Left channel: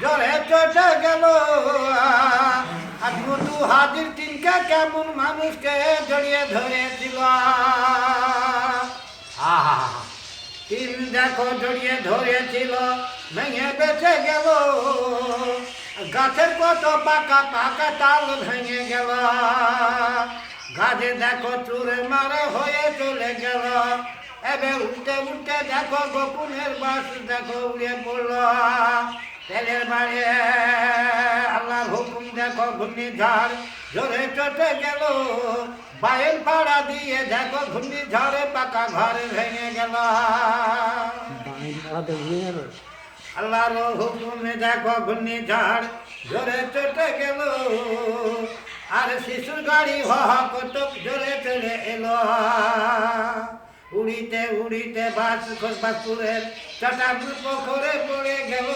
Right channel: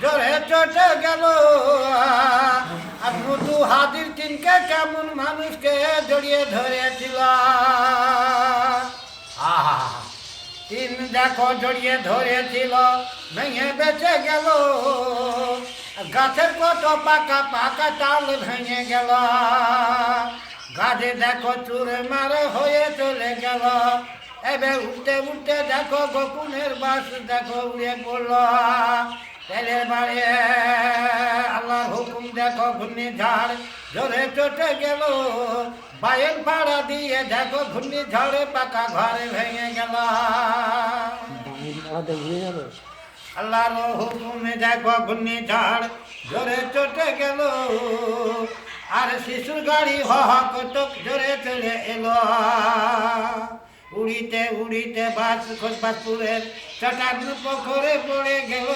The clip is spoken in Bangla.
জোরে চটে গেল আর মধু হাজির তিনকে কেমন মানুষকে জড়িয়ে ধরেছিল। আহা, তিন দেখো জড়িয়ে ধরেছিল, ভেঙে বেঁচে গেল। গাছের কত পাকা পাকা তাল ভেঙে গেল। গাছে দেখো চুরে মারে হয়ে চলে গেল। এবার উঠতে উঠতে দেখো গোকুনের বাস দেখো উড়ে পড়ল। তেলের বাড়ি আল্লাহর হুকুম দেখো ঘূর্ণিঝড় জোরে চটে গেল। বায়ের পাড়া দিয়ে দেখো ঘূর্ণিঝড়ে পাকা ঘরে ভেঙে গেল। আল্লাহর হুকুমে দেখো ঘূর্ণিঝড় জোরে চটে গেল। আর শিশুর গাড়ি হক তোক জোরে চলে এলো। উড়িতে উড়িতে বাস খোঁজবাসপুরের চটান পুকুরে পড়ে গেল।